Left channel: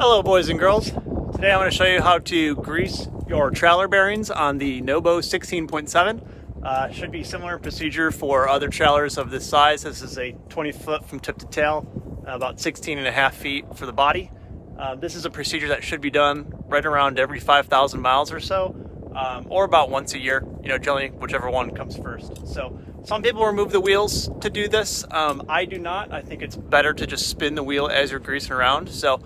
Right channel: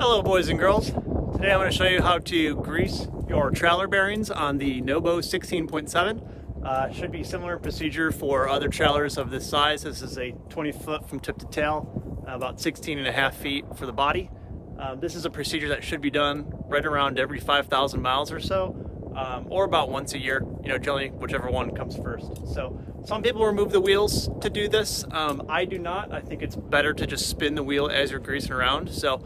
Hello boys and girls. Today I'm going to show you how to grease your trailer bearings on the NoBo 16.7. Should be similar procedure for other trailers of this size. This is a 20 foot from tip to tail, about 16.5 feet for the body. This is a procedure that should be done right around every 5,000 miles or so, or about once a year, generally whichever one comes first. So some people remove the wheels to do this. I do not. I think it's better to just spin the wheel as you're greasing around. So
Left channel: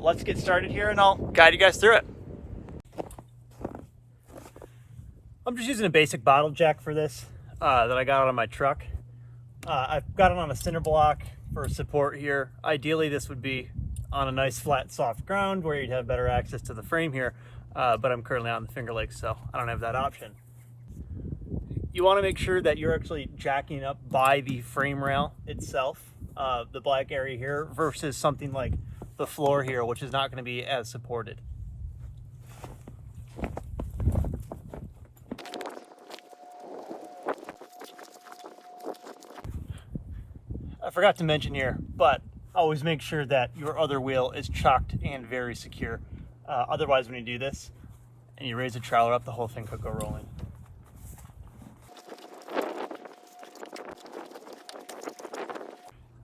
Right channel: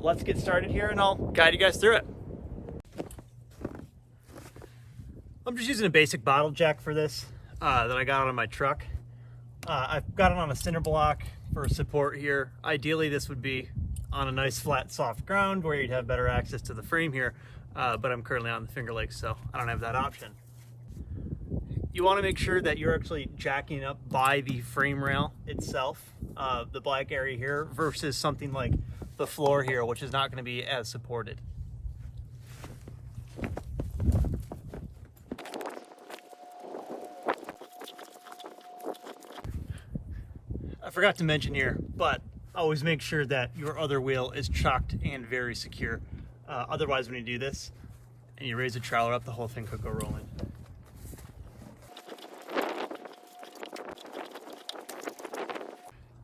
let's get started here and I'll guide you guys through it. I'm just using a basic bottle jack for this that I got on my truck. I've got it on a cinder block for support here. Ideally this would be on a nice flat soft ground where you'd have better access to the frame here, but I'm currently out in the Finger Lakes, so I don't have that option. You want to make sure that you're actually jacking up by the frame rail itself, the black area here, versus something like the floor here, which is not going to be as supported. I forgot to mention here, but always make sure that your other wheel is chocked and very secure. Otherwise, when you do this and you raise the trailer up, the whole thing could go rolling.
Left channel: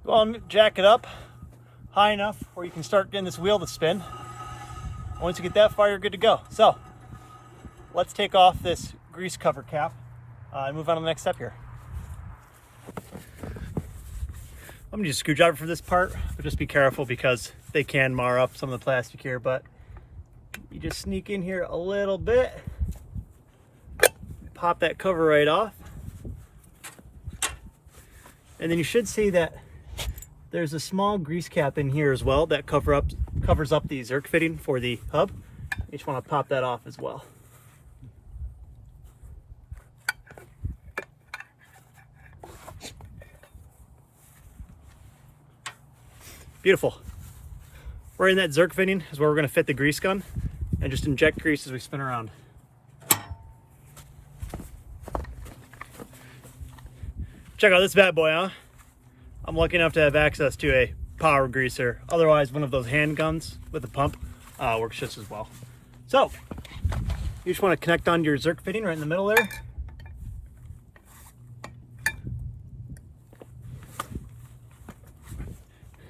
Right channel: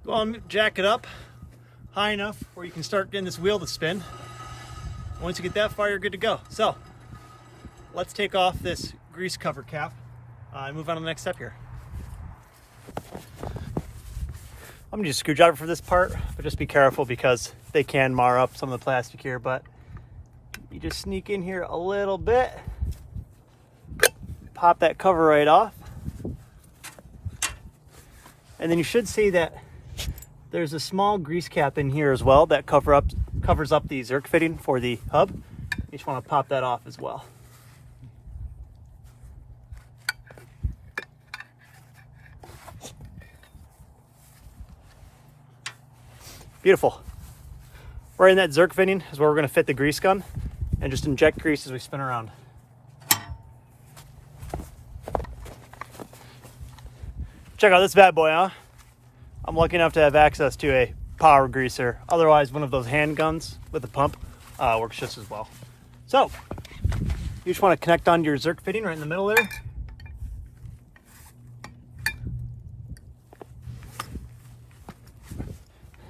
Go on, jack it up high enough where you can start getting this wheel to spin. Once you get that far, you're good to go. So let's take off this grease cover cap and move on to the next step here. I'm gonna use a screwdriver for this part, but just be careful because they can mar up some of the plastic here. But you just sneak in here a little bit, pop that cover right off, and then you should see that there's a small grease cap in here as well that covers up the Zerk fitting for the hub. You just want to pop that off as well. Beautiful. Right in that Zerk fitting is where we're going to fit the grease gun and just inject grease as we spin around. Check out this bad boy, huh? I'm lucky enough to have access to a power greaser. Otherwise, one of those handguns with a pump works just as well. So, you just want to connect onto your Zerk fitting right in the middle there.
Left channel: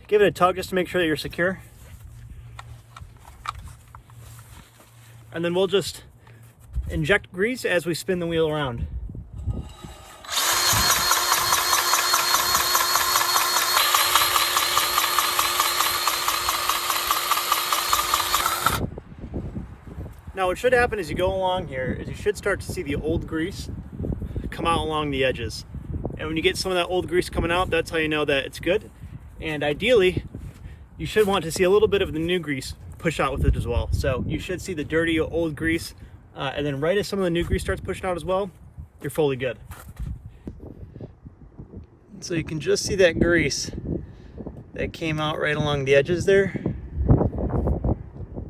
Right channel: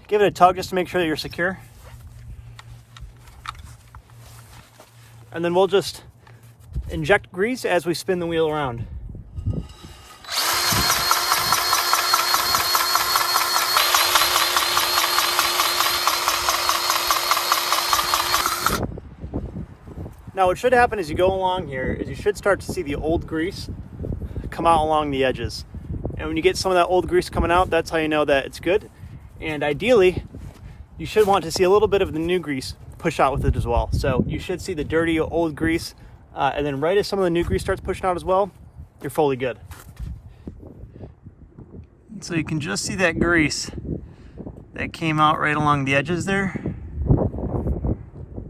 Give it a tug just to make sure that you're secure. And then we'll just inject grease as we spin the wheel around. Now what should happen as you go along here is you should start to see the old grease come out along the edges. And when you get some of that old grease coming out, that's how you know that it's good. And ideally, you should want to see a little bit of the new grease push out with it as well. So you should see the dirty old grease, and then right as some of the new grease starts pushing out as well, you're fully good. So you can just see that grease that came out right along the edges there.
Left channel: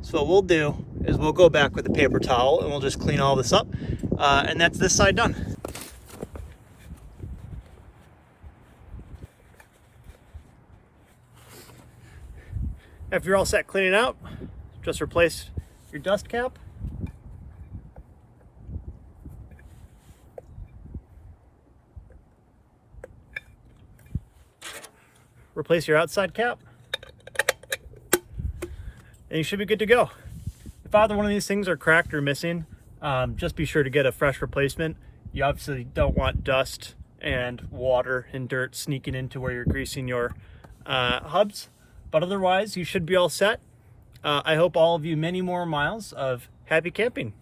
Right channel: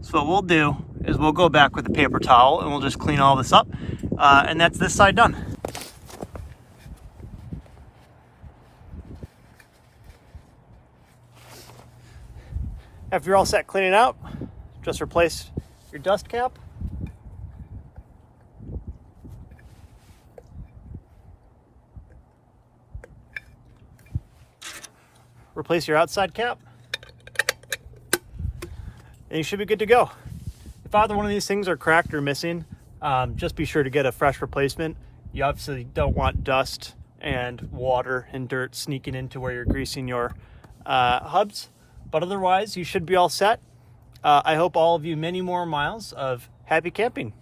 So what we'll do is we'll go back with a paper towel and we'll just clean all this up, and that's this side done. After you're all set cleaning out, just replace your dust cap. Replace your outside cap. And you should be good to go. If either one of these things are cracked or missing, just be sure to get a fresh replacement. You obviously don't want dust and water and dirt sneaking into where you're greasing your hubs. But otherwise, you should be all set. I hope all of you many more miles of happy camping.